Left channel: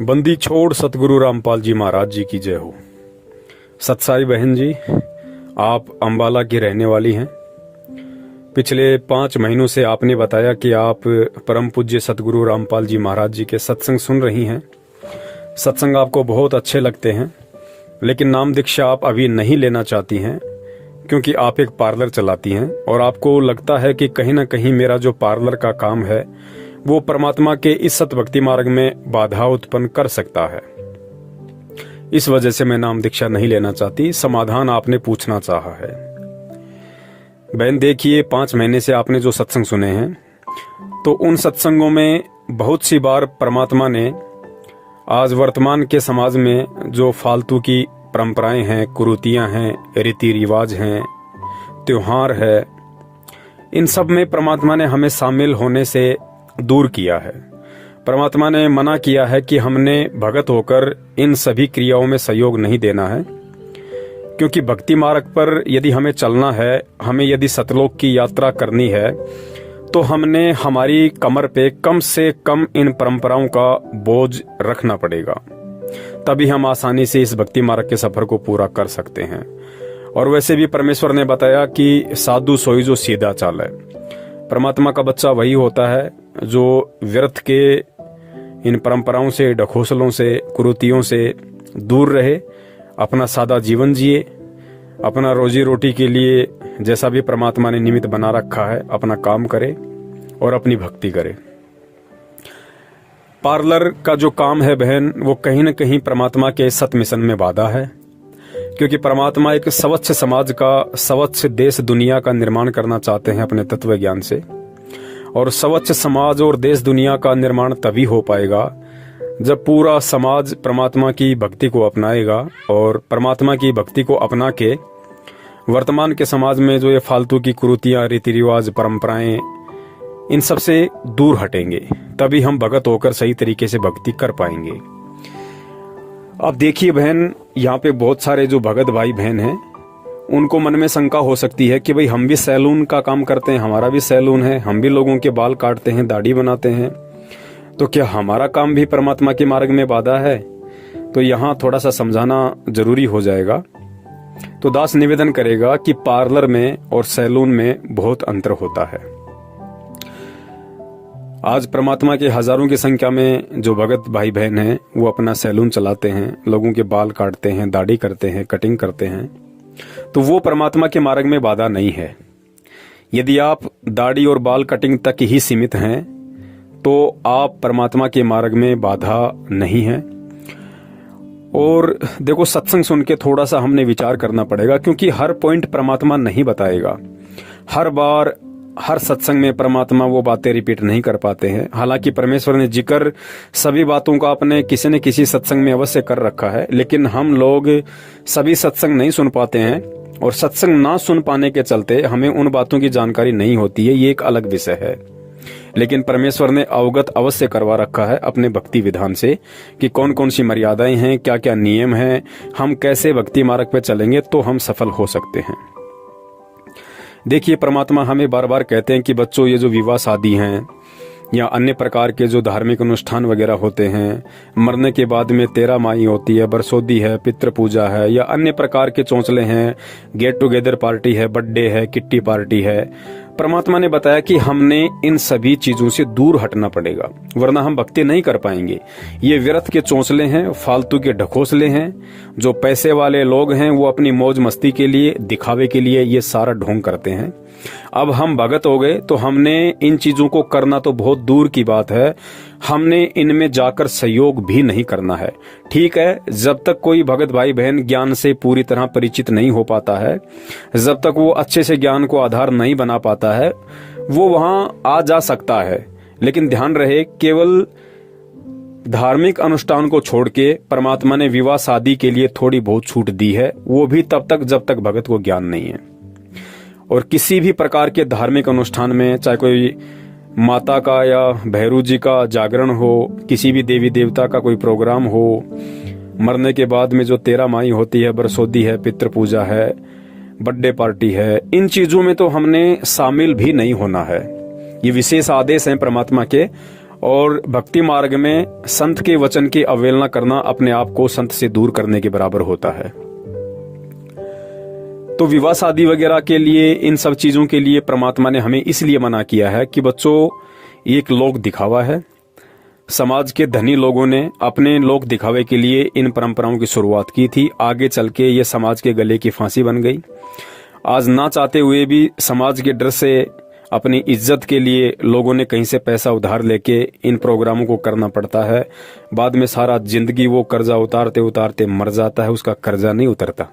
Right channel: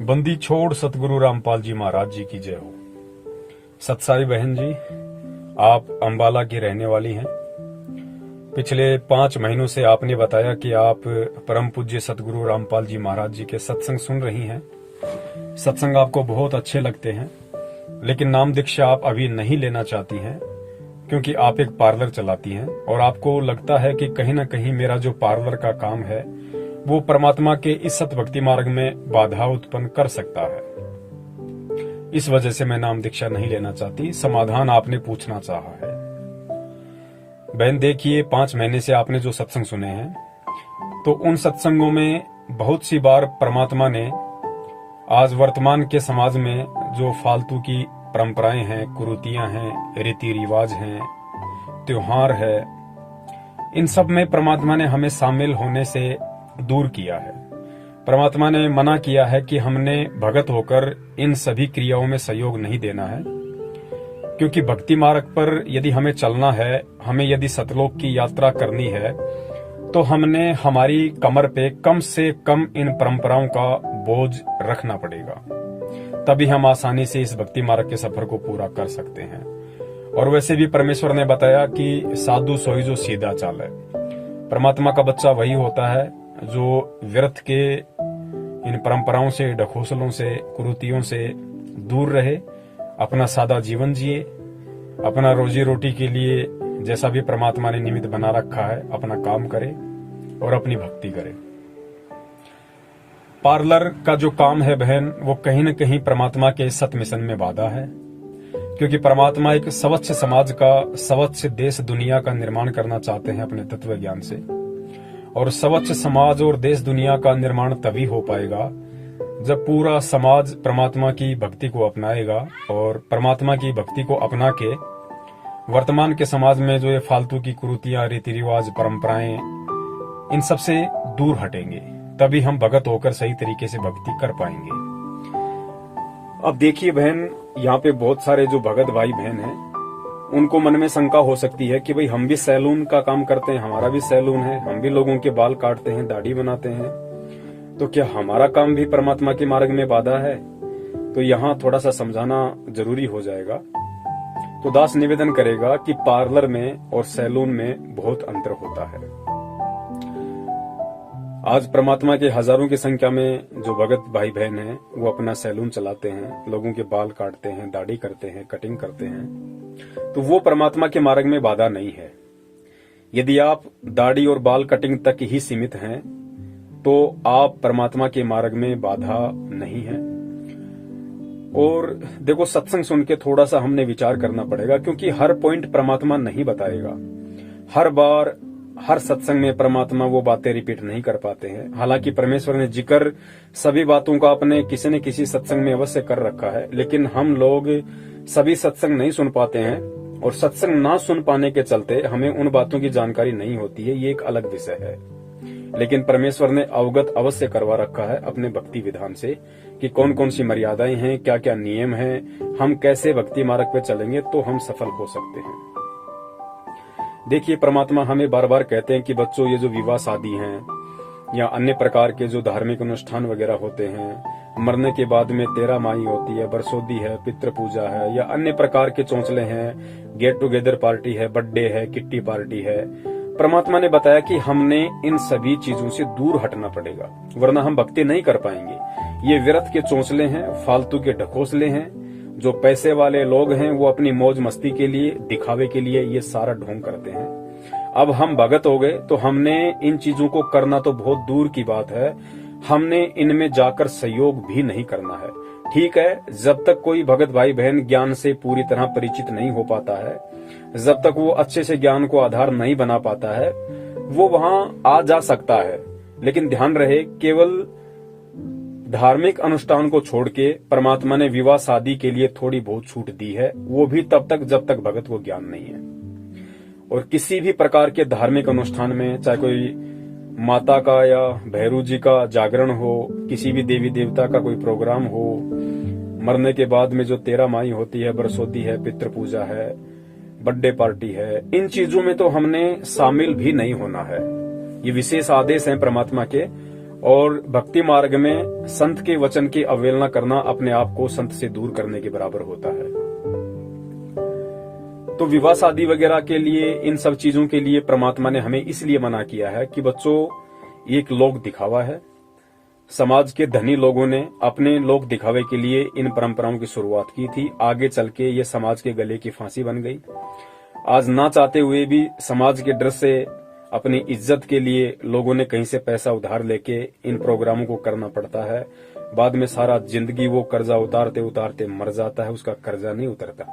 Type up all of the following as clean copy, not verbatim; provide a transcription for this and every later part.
बंदी छोड़ सतगुरु रामपाल जी महाराज जी की जय हो। सतसाई बहन जी, आप अंबाला की रहने वाली हैं। पिछले 5 महीनों से आपने बताया कि आप परम पूज्य सतगुरु रामपाल जी महाराज जी के सत्संग सुन रही हैं। सत्संग आपको बहुत अच्छे लगते हैं, लेकिन नाम दीक्षा आप अभी नहीं लेना चाहती हैं क्योंकि आप एक पार्लर चलाती हैं और आपको लगता है कि कहीं ना कहीं मेरा जो पार्लर का काम है वो परमात्मा के इस सत भक्ति मार्ग में बाधा उत्पन्न कर सकता है। इस वजह से मैं नाम दीक्षा नहीं लेना चाहती। समाधान आपने पूछना चाहा है। बहन देखिए, 5 महीने से आपने जो सत्संग सुने हैं तो उन सत्संगों में बहुत सी बार परमात्मा ने आज वर्तमान के समाज में जो फालतू की परंपराएं हैं, कुरीतियां हैं, रीति रिवाज हैं, त्योहार है, इन सब में परमात्मा ने हमें शामिल होने से दूर किया है। परमात्मा ने मना किया है कि हमने भगत होकर इन सभी क्रियाओं में सहयोग नहीं देना है, क्योंकि भक्ति मार्ग पर यदि हमें चलना है, हमें यदि सतलोक की यात्रा करनी है, तो हमने हमारी कमर पे कम से कम इन परंपराओं का बोझ रखना पड़ेगा। तभी हम आसानी से इस भक्ति मार्ग के सफर को पूरा कर सकते हैं। और वैसे भी परमेश्वर ने बताया कि साधु सोई जो सीधा चाल है। परमात्मा का बच्चा वही होता है जो व्यर्थ के इन परंपराओं से, ढकोसलों से, कुरीतियों से दूर रहे, अपना सादा जीवन जिए, अपना रोजी रोटी के लिए जैसा भी परमात्मा ने निमित्त बना रखा है अपना काम करे और अपनी भक्ति करे। पार्लर का जो काम है बहन, वो कहीं न कहीं परमात्मा के सत मिशन में बाधा है, क्योंकि परमात्मा एक स्वच्छ समाज का, स्वच्छ देश दुनिया का निर्माण करना चाहते हैं अपने तत्व ज्ञान से। और स्वच्छ समाज और देश दुनिया का निर्माण तभी हो पाएगा जब पूरा समाज परमात्मा की भक्ति को अपनाएगा। और परमात्मा की भक्ति को अपना के वर्तमान के समाज में जो ये फालतू की कुरीतियां, रीति रिवाज, परंपराएं, इन सब से दूर हटेंगे, तभी हम भगत होकर सही तरीके से भक्ति कर पाएंगे। अब देखिए बहन, यहाँ पे बहुत सारे जो भगत भाई बहन हैं, उनको मन में शंका हो सकती है कि भाई हम भी सैलून का काम करते हैं, हमारा भी सैलून है, हम भी लोगों के बाल काटते हैं, दाढ़ी बनाते हैं, तो क्या हमारा काम भी परमात्मा के मार्ग में बाधा है? तो यहाँ थोड़ा सा समझाना जरूरी हो जाएगा। तो दास निवेदन करेगा कि पार्लर में और सैलून में बहुत अंतर होता है। आज परमात्मा के हजारों की संख्या में जो भगत भाई बहन हैं वो अपना सैलून चलाते हैं, लोगों के बाल काटते हैं, दाढ़ी करते हैं, कटिंग करते हैं, तो वो परमात्मा के मार्ग में बाधा नहीं है। यदि आप दाढ़ी और बाल कटिंग तक ही सीमित हैं तो आप परमात्मा के मार्ग में बाधा नहीं है। और देखो, सत्संग सुन के थोड़ा सा हमने विचार करना पड़ेगा, क्योंकि हर पॉइंट परमात्मा नहीं बताएगा। हर बार हर सत्संग में परमात्मा वो बातें रिपीट नहीं कर पाते हैं। हालांकि परमेश्वर ने जिक्र सभी बातों का अपने किसी न किसी सत्संग में अवश्य कर रखा है, लेकिन हम लोग सभी सत्संग नहीं सुन पाते हैं और सत्संग ना सुन पाने के चलते हमें उन बातों की जानकारी नहीं होती है। ये एक अलग विषय है, लेकिन परमेश्वर ने अवगत अवश्य करवा रखा है अपने भक्ति विधान से कि कौन कौन सी मर्यादाएं हैं, क्या क्या नियम हैं, हम कैसे भक्ति मार्ग पे चलेंगे तो हम सफल हो सकते हैं। देखिए, परमात्मा हमें बार बार कहते हैं कि बच्चों, ये जो विवाह शादी हैं या अन्य प्रकार के जो धार्मिक अनुष्ठान वगैरह होते हैं, मरने के बाद में 13 माई होती है, बरसोदी है, पितृ पूजा है, या अन्य प्रकार के चौंचले हैं, गेट टुगेदर पार्टी है, बर्थडे है, किट्टी पार्टी है, परमात्मा ने बताया कि हमने इन सभी चीजों से दूर हटना पड़ेगा, वरना हम भक्ति नहीं कर पाएंगे। ये व्यर्थ के चौंचले हैं, फालतू के ढकोसले हैं। जो पैसे वाले लोग हैं वो अपनी मौज मस्ती के लिए, दिखावे के लिए ये सारा ढोंग करते हैं। अब हम भगत हो गए तो हमने इन चीजों को करना तो बहुत दूर की बात है, हमने इनमें जाकर सहयोग भी नहीं करना है। ठीक है, जब तक कोई भगत भाई बहन ज्ञान से पूरी तरह परिचित नहीं हो पाता है, जब तक वो अच्छे से ज्ञान को आधार नहीं बना पाता है, वो वहां आ जा सकता है। लेकिन ध्यान रहे, केवल धार्मिक अनुष्ठान को छोड़ के परमात्मा ने विवाह शादी के लिए थोड़ी बहुत छूट दी है, वो भी तब तक जब तक भगत को ज्ञान नहीं है। और किसी भी प्रकार के धार्मिक अनुष्ठान में, चाहे कोई माता का या भैरू जी का जागरण हो, किसी भी देवी देवता का कोई प्रोग्राम हो, मरने के बाद में जो 13 माई होती है, बरसोदी है, पितृ पूजा है, बर्थडे पार्टी है, इन चीजों में तो हमने शामिल भी नहीं होना है। ये विशेष आदेश हैं परमात्मा के। और भक्ति मार्ग में संत के वचन की अवहेलना करना अपने आप को संत से दूर करने के बराबर होता है। तो विवाह शादी वगैरह के लिए, इन सब चीजों के लिए परमात्मा ने हमें इसलिए मना किया है कि बच्चों, एक लोक दिखावा है। समाज के धनी लोगों ने अपने लोक दिखावे के लिए इन परंपराओं की शुरुआत की थी। आगे चल के ये समाज के गले की फांसी बन गई। आज ना चाहते हुए भी समाज के डर से, अपनी इज्जत के लिए लोगों ने कहीं से पैसा उधार लेके इन प्रोग्रामों को करना पड़ता है। बाद में सारा जिंदगी वो कर्जा उतारते उतारते मर जाता है, उसका कर्जा नहीं उतरता।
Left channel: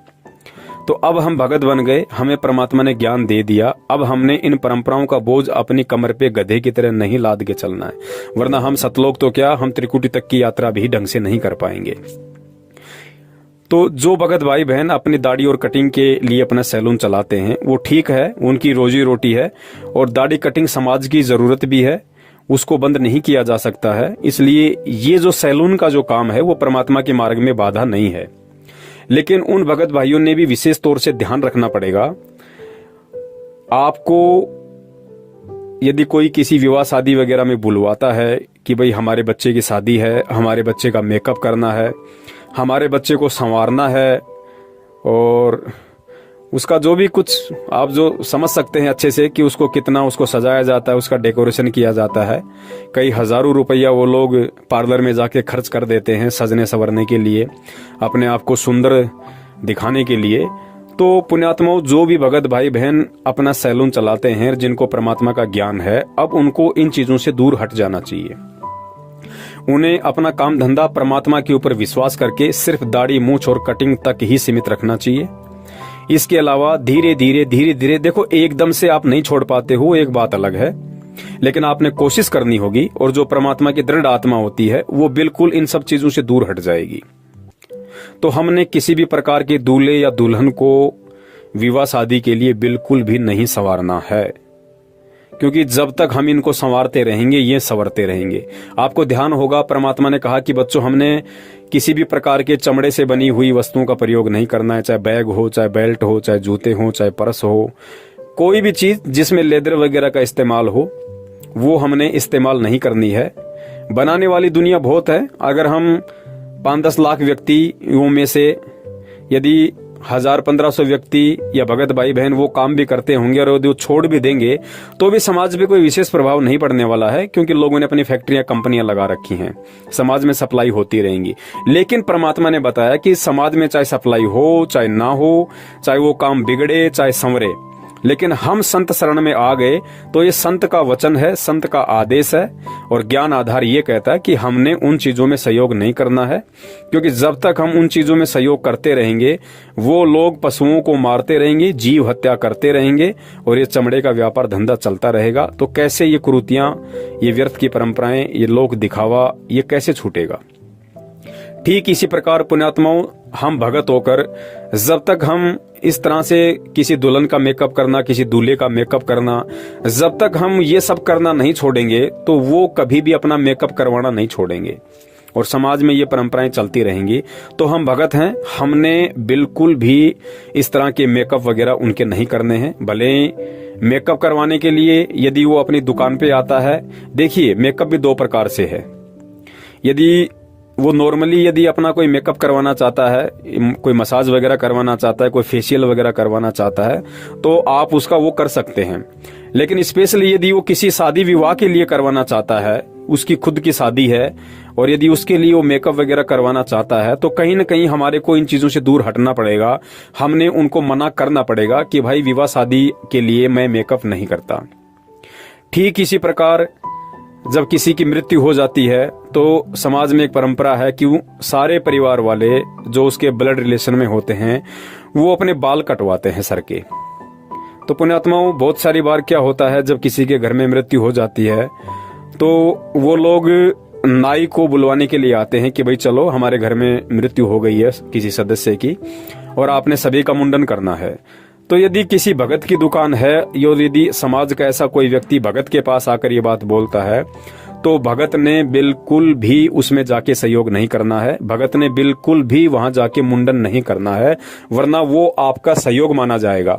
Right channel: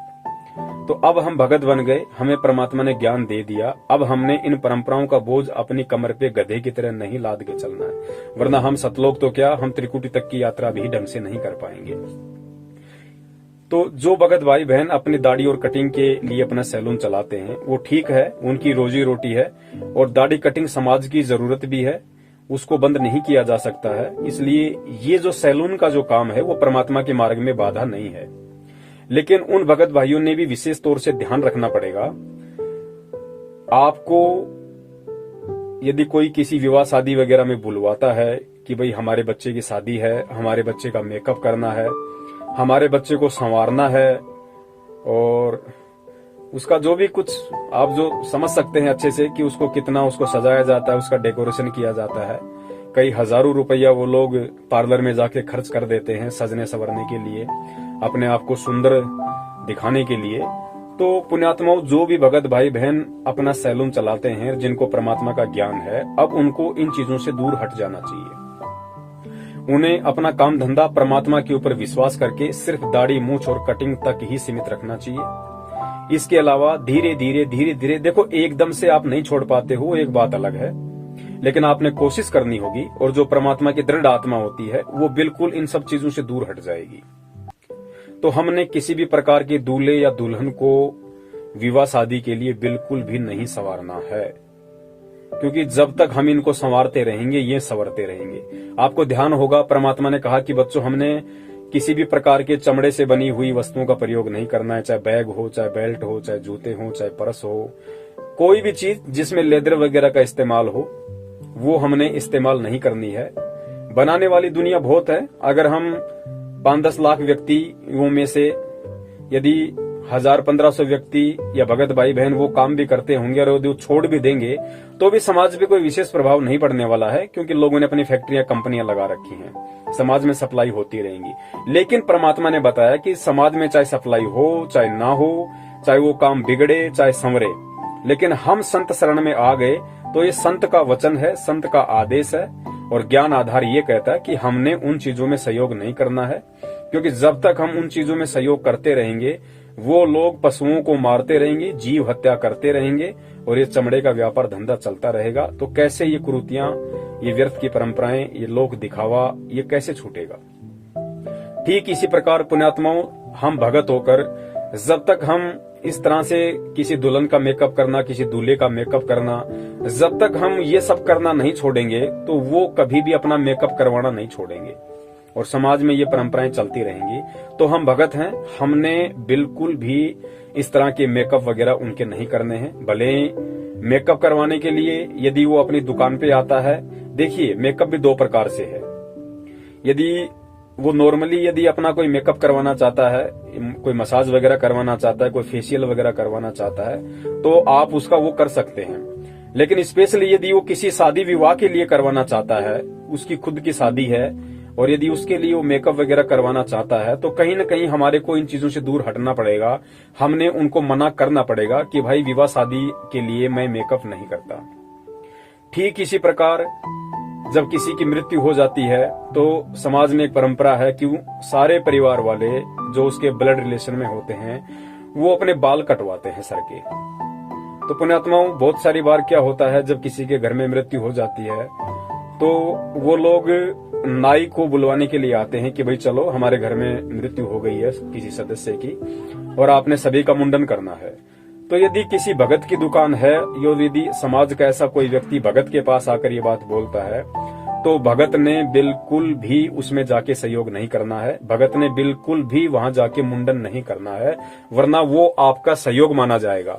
तो अब हम भगत बन गए, हमें परमात्मा ने ज्ञान दे दिया। अब हमने इन परंपराओं का बोझ अपनी कमर पे गधे की तरह नहीं लाद के चलना है, वरना हम सतलोक तो क्या, हम त्रिकुटी तक की यात्रा भी ढंग से नहीं कर पाएंगे। तो जो भगत भाई बहन अपनी दाढ़ी और कटिंग के लिए अपना सैलून चलाते हैं, वो ठीक है, उनकी रोजी रोटी है, और दाढ़ी कटिंग समाज की जरूरत भी है, उसको बंद नहीं किया जा सकता है। इसलिए ये जो सैलून का जो काम है वो परमात्मा के मार्ग में बाधा नहीं है। लेकिन उन भगत भाइयों ने भी विशेष तौर से ध्यान रखना पड़ेगा। आपको यदि कोई किसी विवाह शादी वगैरह में बुलवाता है कि भाई हमारे बच्चे की शादी है, हमारे बच्चे का मेकअप करना है, हमारे बच्चे को संवारना है, और उसका जो भी कुछ आप जो समझ सकते हैं अच्छे से कि उसको कितना उसको सजाया जाता है, उसका डेकोरेशन किया जाता है, कई हजारों रुपया वो लोग पार्लर में जाके खर्च कर देते हैं सजने संवरने के लिए, अपने आप को सुंदर दिखाने के लिए। तो पुण्यात्माओं, जो भी भगत भाई बहन अपना सैलून चलाते हैं, जिनको परमात्मा का ज्ञान है, अब उनको इन चीजों से दूर हट जाना चाहिए। उन्हें अपना काम धंधा परमात्मा के ऊपर विश्वास करके सिर्फ दाढ़ी मूंछ और कटिंग तक ही सीमित रखना चाहिए। इसके अलावा धीरे धीरे देखो, एकदम से आप नहीं छोड़ पाते हो, एक बात अलग है, लेकिन आपने कोशिश करनी होगी, और जो परमात्मा की दृढ़ आत्मा होती है वो बिल्कुल इन सब चीजों से दूर हट जाएगी। तो हमने किसी भी प्रकार के दूल्हे या दुल्हन को विवाह शादी के लिए बिल्कुल भी नहीं संवारना है, क्योंकि जब तक हम इनको संवारते रहेंगे ये संवरते रहेंगे। आपको ध्यान होगा, परमात्मा ने कहा कि बच्चों, हमने किसी भी प्रकार के चमड़े से बनी हुई वस्तुओं का प्रयोग नहीं करना है, चाहे बैग हो, चाहे बेल्ट हो, चाहे जूते हो, चाहे पर्स हो, कोई भी चीज जिसमें लेदर वगैरह का इस्तेमाल हो वो हमने इस्तेमाल नहीं करनी है। बनाने वाली दुनिया बहुत है। अगर हम 5-10 लाख व्यक्तियों में से यदि 1000-1500 व्यक्ति या भगत भाई बहन वो काम भी करते होंगे और वो छोड़ भी देंगे तो भी समाज पे कोई विशेष प्रभाव नहीं पड़ने वाला है, क्योंकि लोगों ने अपनी फैक्ट्रियां कंपनियां लगा रखी हैं, समाज में सप्लाई होती रहेंगी। लेकिन परमात्मा ने बताया कि समाज में चाहे सप्लाई हो चाहे ना हो, चाहे वो काम बिगड़े चाहे संवरे, लेकिन हम संत शरण में आ गए तो ये संत का वचन है, संत का आदेश है, और ज्ञान आधार ये कहता है कि हमने उन चीजों में सहयोग नहीं करना है। क्योंकि जब तक हम उन चीजों में सहयोग करते रहेंगे वो लोग पशुओं को मारते रहेंगे, जीव हत्या करते रहेंगे, और ये चमड़े का व्यापार धंधा चलता रहेगा। तो कैसे ये कुरीतियां, ये व्यर्थ की परंपराएं, ये लोक दिखावा, ये कैसे छूटेगा? ठीक इसी प्रकार पुण्यात्माओं, हम भगत होकर जब तक हम इस तरह से किसी दुल्हन का मेकअप करना, किसी दूल्हे का मेकअप करना, जब तक हम ये सब करना नहीं छोड़ेंगे तो वो कभी भी अपना मेकअप करवाना नहीं छोड़ेंगे, और समाज में ये परंपराएं चलती रहेंगी। तो हम भगत हैं, हमने बिल्कुल भी इस तरह के मेकअप वगैरह उनके नहीं करने हैं। भले मेकअप करवाने के लिए यदि वो अपनी दुकान पे आता है, देखिए मेकअप भी 2 प्रकार से है। यदि वो नॉर्मली यदि अपना कोई मेकअप करवाना चाहता है, कोई मसाज वगैरह करवाना चाहता है, कोई फेशियल वगैरह करवाना चाहता है, तो आप उसका वो कर सकते हैं। लेकिन स्पेशली यदि वो किसी शादी विवाह के लिए करवाना चाहता है, उसकी खुद की शादी है, और यदि उसके लिए वो मेकअप वगैरह करवाना चाहता है, तो कहीं न कहीं हमारे को इन चीजों से दूर हटना पड़ेगा। हमने उनको मना करना पड़ेगा कि भाई विवाह शादी के लिए मैं मेकअप नहीं करता। ठीक इसी प्रकार जब किसी की मृत्यु हो जाती है तो समाज में एक परंपरा है कि सारे परिवार वाले जो उसके ब्लड रिलेशन में होते हैं वो अपने बाल कटवाते हैं सर के। तो पुण्यात्माओं, बहुत सारी बार क्या होता है, जब किसी के घर में मृत्यु हो जाती है तो वो लोग नाई को बुलवाने के लिए आते हैं कि भाई चलो हमारे घर में मृत्यु हो गई है किसी सदस्य की और आपने सभी का मुंडन करना है। तो यदि किसी भगत की दुकान है, यदि समाज का ऐसा कोई व्यक्ति भगत के पास आकर ये बात बोलता है, तो भगत ने बिल्कुल भी उसमें जाके सहयोग नहीं करना है। भगत ने बिल्कुल भी वहां जाके मुंडन नहीं करना है, वरना वो आपका सहयोग माना जाएगा।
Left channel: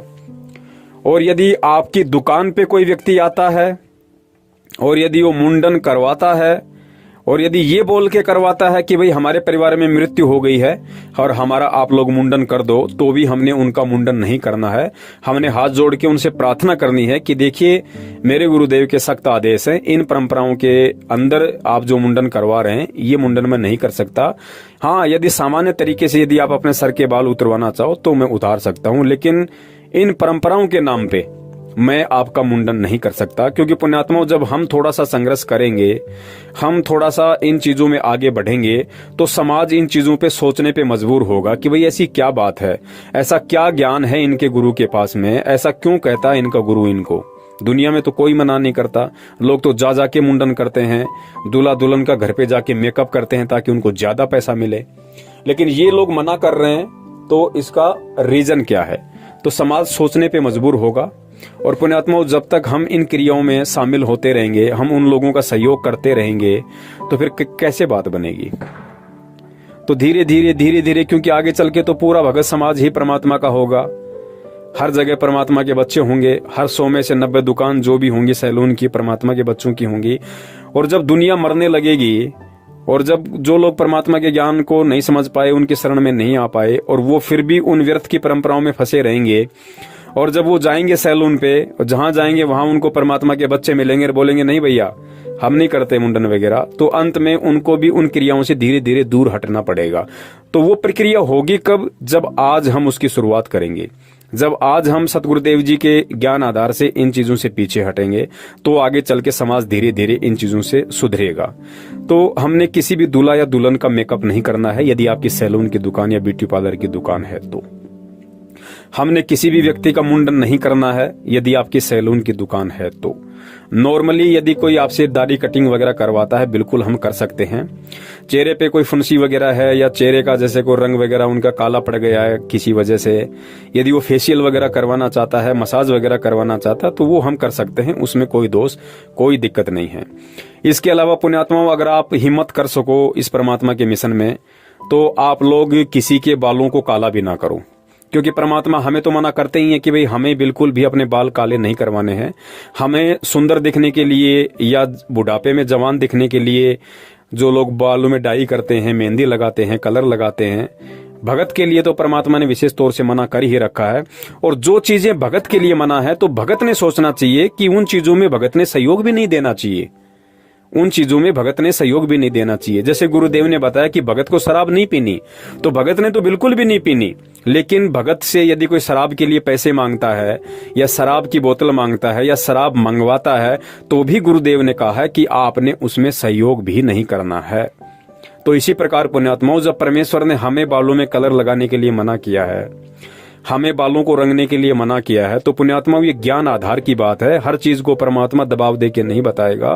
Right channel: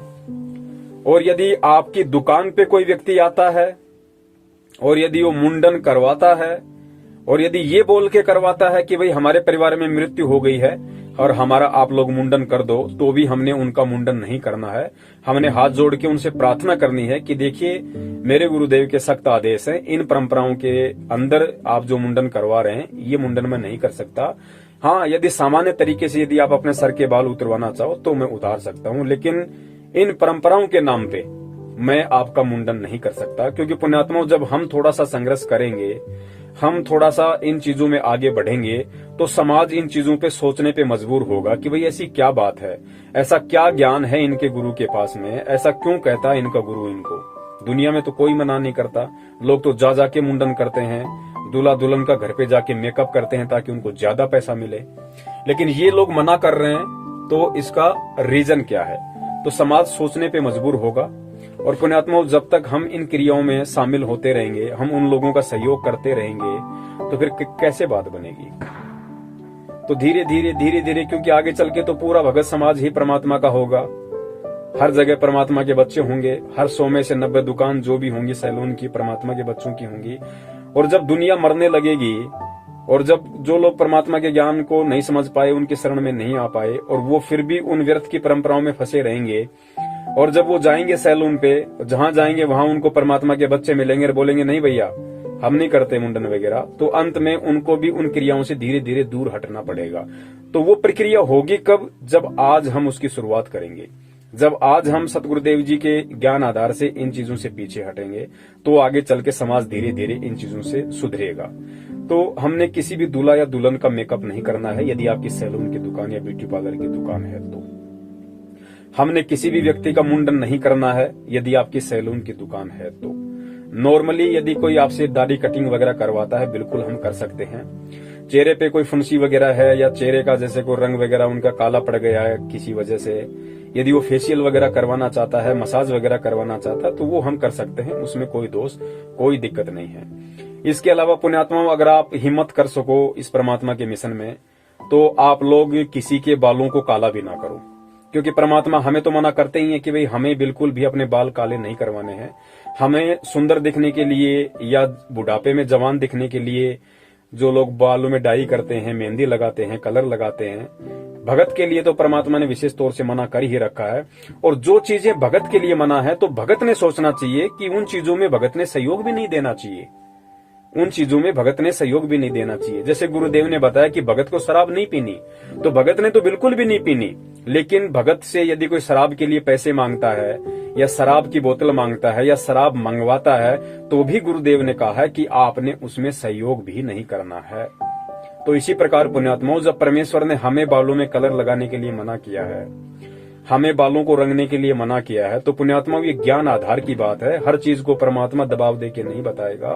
और यदि आपकी दुकान पे कोई व्यक्ति आता है और यदि वो मुंडन करवाता है और यदि ये बोल के करवाता है कि भाई हमारे परिवार में मृत्यु हो गई है और हमारा आप लोग मुंडन कर दो, तो भी हमने उनका मुंडन नहीं करना है। हमने हाथ जोड़ के उनसे प्रार्थना करनी है कि देखिए मेरे गुरुदेव के सख्त आदेश हैं, इन परंपराओं के अंदर आप जो मुंडन करवा रहे हैं ये मुंडन मैं नहीं कर सकता। हाँ, यदि सामान्य तरीके से यदि आप अपने सर के बाल उतरवाना चाहो तो मैं उतार सकता हूँ, लेकिन इन परंपराओं के नाम पे मैं आपका मुंडन नहीं कर सकता। क्योंकि पुण्यात्माओं, जब हम थोड़ा सा संघर्ष करेंगे, हम थोड़ा सा इन चीजों में आगे बढ़ेंगे, तो समाज इन चीजों पे सोचने पे मजबूर होगा कि भाई ऐसी क्या बात है, ऐसा क्या ज्ञान है इनके गुरु के पास में, ऐसा क्यों कहता है इनका गुरु इनको। दुनिया में तो कोई मना नहीं करता, लोग तो जा जाके मुंडन करते हैं, दूल्हा दुल्हन का घर पे जाके मेकअप करते हैं ताकि उनको ज्यादा पैसा मिले। लेकिन ये लोग मना कर रहे हैं, तो इसका रीजन क्या है? तो समाज सोचने पे मजबूर होगा। और पुण्यात्माओं, जब तक हम इन क्रियाओं में शामिल होते रहेंगे, हम उन लोगों का सहयोग करते रहेंगे, तो फिर कैसे बात बनेगी? तो धीरे धीरे क्योंकि आगे चल के तो पूरा भगत समाज ही परमात्मा का होगा। हर जगह परमात्मा के बच्चे होंगे, हर 100 में से 90 दुकान जो भी होंगी सैलून की परमात्मा के बच्चों की होंगी। और जब दुनिया मरने लगेगी और जब जो लोग परमात्मा के ज्ञान को नहीं समझ पाए, उनके शरण में नहीं आ पाए, और वो फिर भी उन व्यर्थ की परंपराओं में फंसे रहेंगे, और जब वो जाएंगे सैलून पे और जहां जाएंगे वहां उनको परमात्मा के बच्चे मिलेंगे और बोलेंगे नहीं भैया हम नहीं करते मुंडन वगैरह, तो अंत में उनको भी उन क्रियाओं से धीरे धीरे दूर हटना पड़ेगा। तो वो प्रक्रिया होगी कब? जब आज हम उसकी शुरुआत करेंगे, जब आज हम सतगुरुदेव जी के ज्ञान आधार से इन चीजों से पीछे हटेंगे, तो आगे चल के समाज धीरे धीरे इन चीजों से सुधरेगा। तो हमने किसी भी दूल्हा या दुल्हन का मेकअप नहीं करना है यदि आपकी सैलून की दुकान या ब्यूटी पार्लर की दुकान है। तो हमने किसी भी व्यक्ति का मुंडन नहीं करना है यदि आपकी सैलून की दुकान है। तो नॉर्मली यदि कोई आपसे दाढ़ी कटिंग वगैरह करवाता है, बिल्कुल हम कर सकते हैं। चेहरे पे कोई फुंसी वगैरह है या चेहरे का जैसे कोई रंग वगैरह उनका काला पड़ गया है किसी वजह से, यदि वो फेशियल वगैरह करवाना चाहता है, मसाज वगैरह करवाना चाहता है, तो वो हम कर सकते हैं, उसमें कोई दोष कोई दिक्कत नहीं है। इसके अलावा पुण्यात्माओं, अगर आप हिम्मत कर सको इस परमात्मा के मिशन में, तो आप लोग किसी के बालों को काला भी ना करो। क्योंकि परमात्मा हमें तो मना करते ही है कि भाई हमें बिल्कुल भी अपने बाल काले नहीं करवाने हैं। हमें सुंदर दिखने के लिए या बुढ़ापे में जवान दिखने के लिए जो लोग बालों में डाई करते हैं, मेहंदी लगाते हैं, कलर लगाते हैं, भगत के लिए तो परमात्मा ने विशेष तौर से मना कर ही रखा है। और जो चीजें भगत के लिए मना है, तो भगत ने सोचना चाहिए कि उन चीजों में भगत ने सहयोग भी नहीं देना चाहिए, उन चीजों में भगत ने सहयोग भी नहीं देना चाहिए। जैसे गुरुदेव ने बताया कि भगत को शराब नहीं पीनी, तो भगत ने तो बिल्कुल भी नहीं पीनी। लेकिन भगत से यदि कोई शराब के लिए पैसे मांगता है या शराब की बोतल मांगता है या शराब मंगवाता है, तो भी गुरुदेव ने कहा है कि आपने उसमें सहयोग भी नहीं करना है। तो इसी प्रकार पुण्यात्माओं, जब परमेश्वर ने हमें बालों में कलर लगाने के लिए मना किया है, हमें बालों को रंगने के लिए मना किया है, तो पुण्यात्मा ये ज्ञान आधार की बात है। हर चीज को परमात्मा दबाव दे के नहीं बताएगा,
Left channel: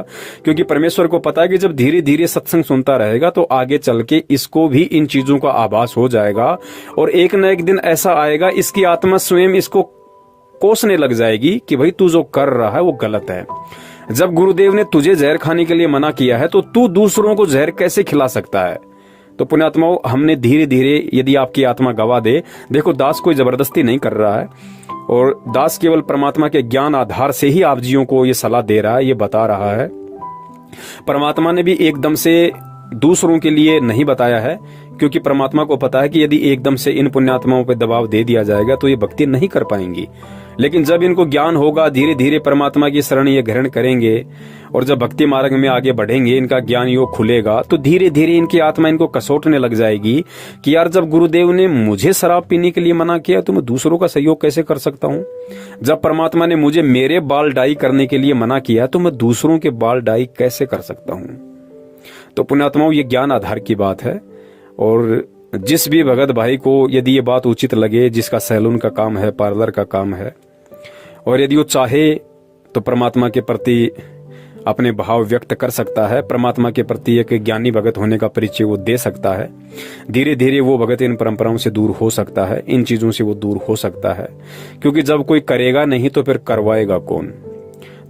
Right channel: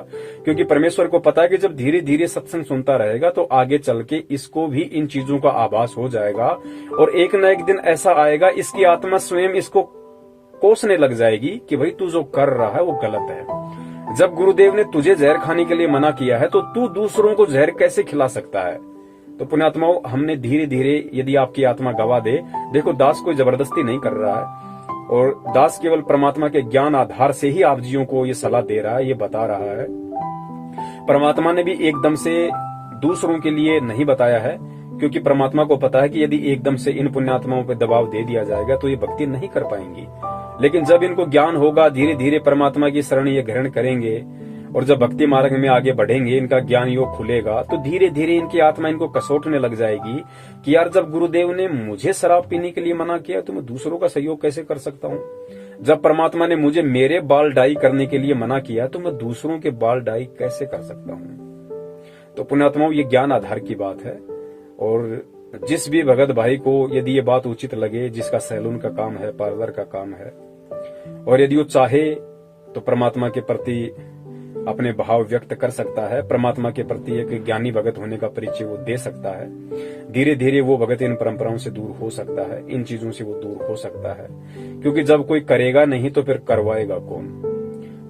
क्योंकि परमेश्वर को पता है कि जब धीरे धीरे सत्संग सुनता रहेगा तो आगे चल के इसको भी इन चीजों का आभास हो जाएगा, और एक न एक दिन ऐसा आएगा इसकी आत्मा स्वयं इसको कोसने लग जाएगी कि भाई तू जो कर रहा है वो गलत है। जब गुरुदेव ने तुझे जहर खाने के लिए मना किया है, तो तू दूसरों को जहर कैसे खिला सकता है? तो पुण्यात्माओं, हमने धीरे धीरे, यदि आपकी आत्मा गवा दे, देखो दास कोई जबरदस्ती नहीं कर रहा है, और दास केवल परमात्मा के ज्ञान आधार से ही आप जियों को ये सलाह दे रहा है, ये बता रहा है। परमात्मा ने भी एकदम से दूसरों के लिए नहीं बताया है, क्योंकि परमात्मा को पता है कि यदि एकदम से इन पुण्यात्माओं पर दबाव दे दिया जाएगा तो ये भक्ति नहीं कर पाएंगी। लेकिन जब इनको ज्ञान होगा, धीरे धीरे परमात्मा की शरण ये ग्रहण करेंगे, और जब भक्ति मार्ग में आगे बढ़ेंगे, इनका ज्ञान योग खुलेगा, तो धीरे धीरे इनकी आत्मा इनको कसोटने लग जाएगी कि यार जब गुरुदेव ने मुझे शराब पीने के लिए मना किया तो मैं दूसरों का सहयोग कैसे कर सकता हूँ? जब परमात्मा ने मुझे मेरे बाल डाई करने के लिए मना किया तो मैं दूसरों के बाल डाई कैसे कर सकता हूँ? तो पुण्यात्माओं, ये ज्ञान आधार की बात है। और जिस भी भगत भाई को यदि ये बात उचित लगे, जिसका सैलून का काम है, पार्लर का काम है, और यदि वो चाहे तो परमात्मा के प्रति अपने भाव व्यक्त कर सकता है, परमात्मा के प्रति एक ज्ञानी भगत होने का परिचय वो दे सकता है, धीरे धीरे वो भगत इन परंपराओं से दूर हो सकता है, इन चीजों से वो दूर हो सकता है। क्योंकि जब कोई करेगा नहीं तो फिर करवाएगा कौन?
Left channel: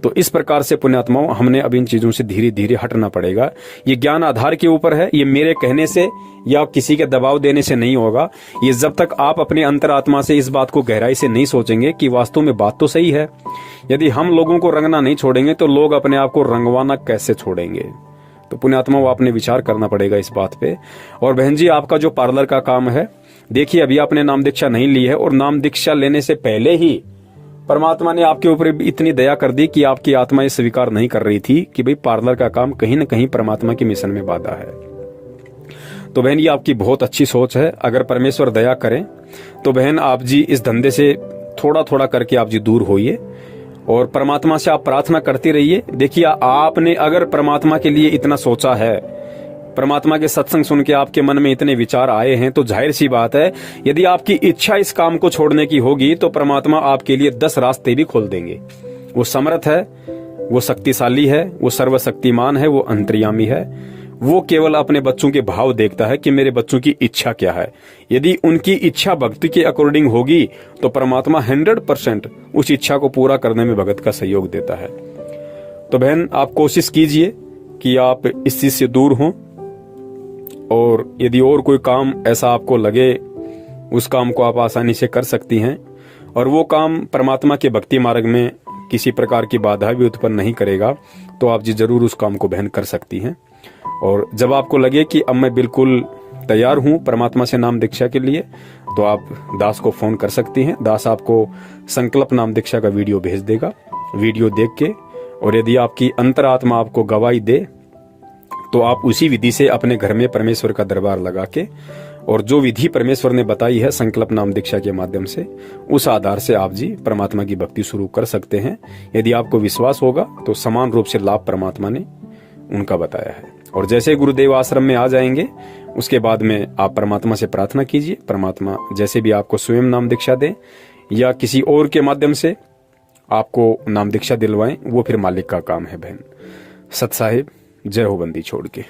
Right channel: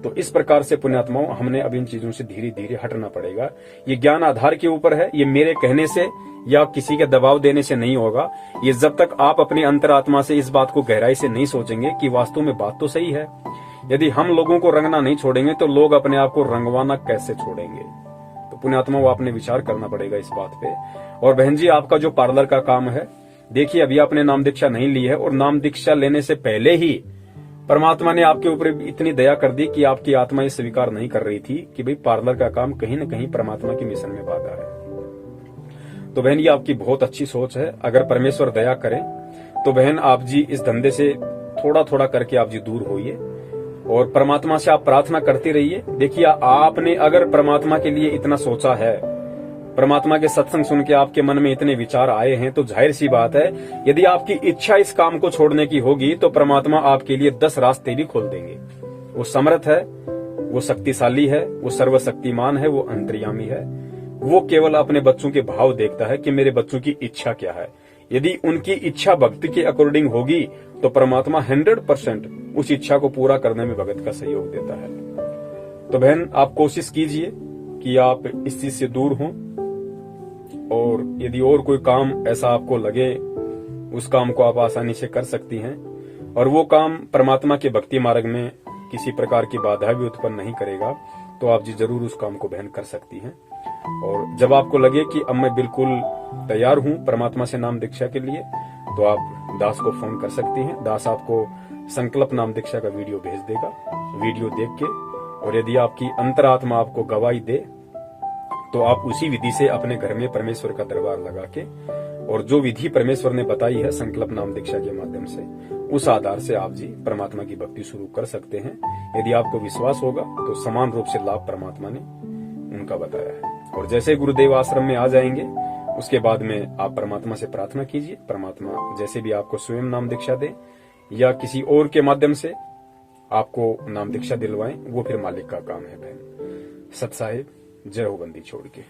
तो इस प्रकार से पुण्यात्माओं, हमने अब इन चीजों से धीरे धीरे हटना पड़ेगा। ये ज्ञान आधार के ऊपर है, ये मेरे कहने से या किसी के दबाव देने से नहीं होगा। ये जब तक आप अपने अंतरात्मा से इस बात को गहराई से नहीं सोचेंगे कि वास्तव में बात तो सही है। यदि हम लोगों को रंगना नहीं छोड़ेंगे तो लोग अपने आप को रंगवाना कैसे छोड़ेंगे? तो पुण्यात्माओं, आपने विचार करना पड़ेगा इस बात पे। और बहन जी, आपका जो पार्लर का काम है, देखिए अभी आपने नाम दीक्षा नहीं ली है, और नाम दीक्षा लेने से पहले ही परमात्मा ने आपके ऊपर इतनी दया कर दी कि आपकी आत्मा ये स्वीकार नहीं कर रही थी कि भाई पार्लर का काम कहीं ना कहीं परमात्मा के मिशन में बाधा है। तो बहन, ये आपकी बहुत अच्छी सोच है। अगर परमेश्वर दया करें तो बहन आप जी इस धंधे से थोड़ा थोड़ा करके आप जी दूर होइए और परमात्मा से आप प्रार्थना करते रहिए। देखिए, आपने अगर परमात्मा के लिए इतना सोचा है, परमात्मा के सत्संग सुन के आपके मन में इतने विचार आए हैं, तो जाहिर सी बात है यदि आपकी इच्छा इस काम को छोड़ने की होगी तो परमात्मा आपके लिए 10 रास्ते भी खोल देंगे। वो समर्थ है, वो शक्तिशाली है, वो सर्वशक्तिमान है, वो अंतर्यामी है। वो केवल अपने बच्चों के भाव देखता है कि मेरे बच्चों की इच्छा क्या है। यदि उनकी इच्छा भक्ति के अकॉर्डिंग होगी तो परमात्मा 100% उस इच्छा को पूरा करने में भगत का सहयोग देता है। तो बहन, आप कोशिश कीजिए कि आप इस चीज से दूर हों, और यदि और कोई काम ऐसा आपको लगे उस काम को आप आसानी से कर सकती हैं, और वो काम परमात्मा के भक्ति मार्ग में किसी प्रकार की बाधा भी उत्पन्न नहीं करेगा, तो आप जी जरूर उस काम को बहन कर सकती हैं। और जब आपको लगे कि अब मैं बिल्कुल तैयार हूं परमात्मा से नाम दीक्षा के लिए, तो आप दास को फोन कर सकती हैं। दास आपको संकल्प नाम दीक्षा का वीडियो भेज देगा। वीडियो देख के, और यदि आपकी अंतरात्मा आपको गवाही दे तो आप उसी विधि से अपने घर में परमेश्वर का दरबार लगा के, और जो विधि परमेश्वर ने बताई है संकल्प नाम दीक्षा के माध्यम से, उस आधार से आप जी परमात्मा की भक्ति शुरू कर सकते हैं। यदि आपको विश्वास होगा तो समान रूप से लाभ परमात्मा ने उनका बताया है। और जैसे गुरुदेव आश्रम में आ जाएंगे उसके बाद में आप परमात्मा से प्रार्थना कीजिए, परमात्मा जैसे भी आपको स्वयं नाम दीक्षा दें या किसी और के माध्यम से आपको नाम दीक्षा दिलवाएं, वो फिर मालिक का काम है। बहन सत साहिब, जय हो बंदी छोड़ के।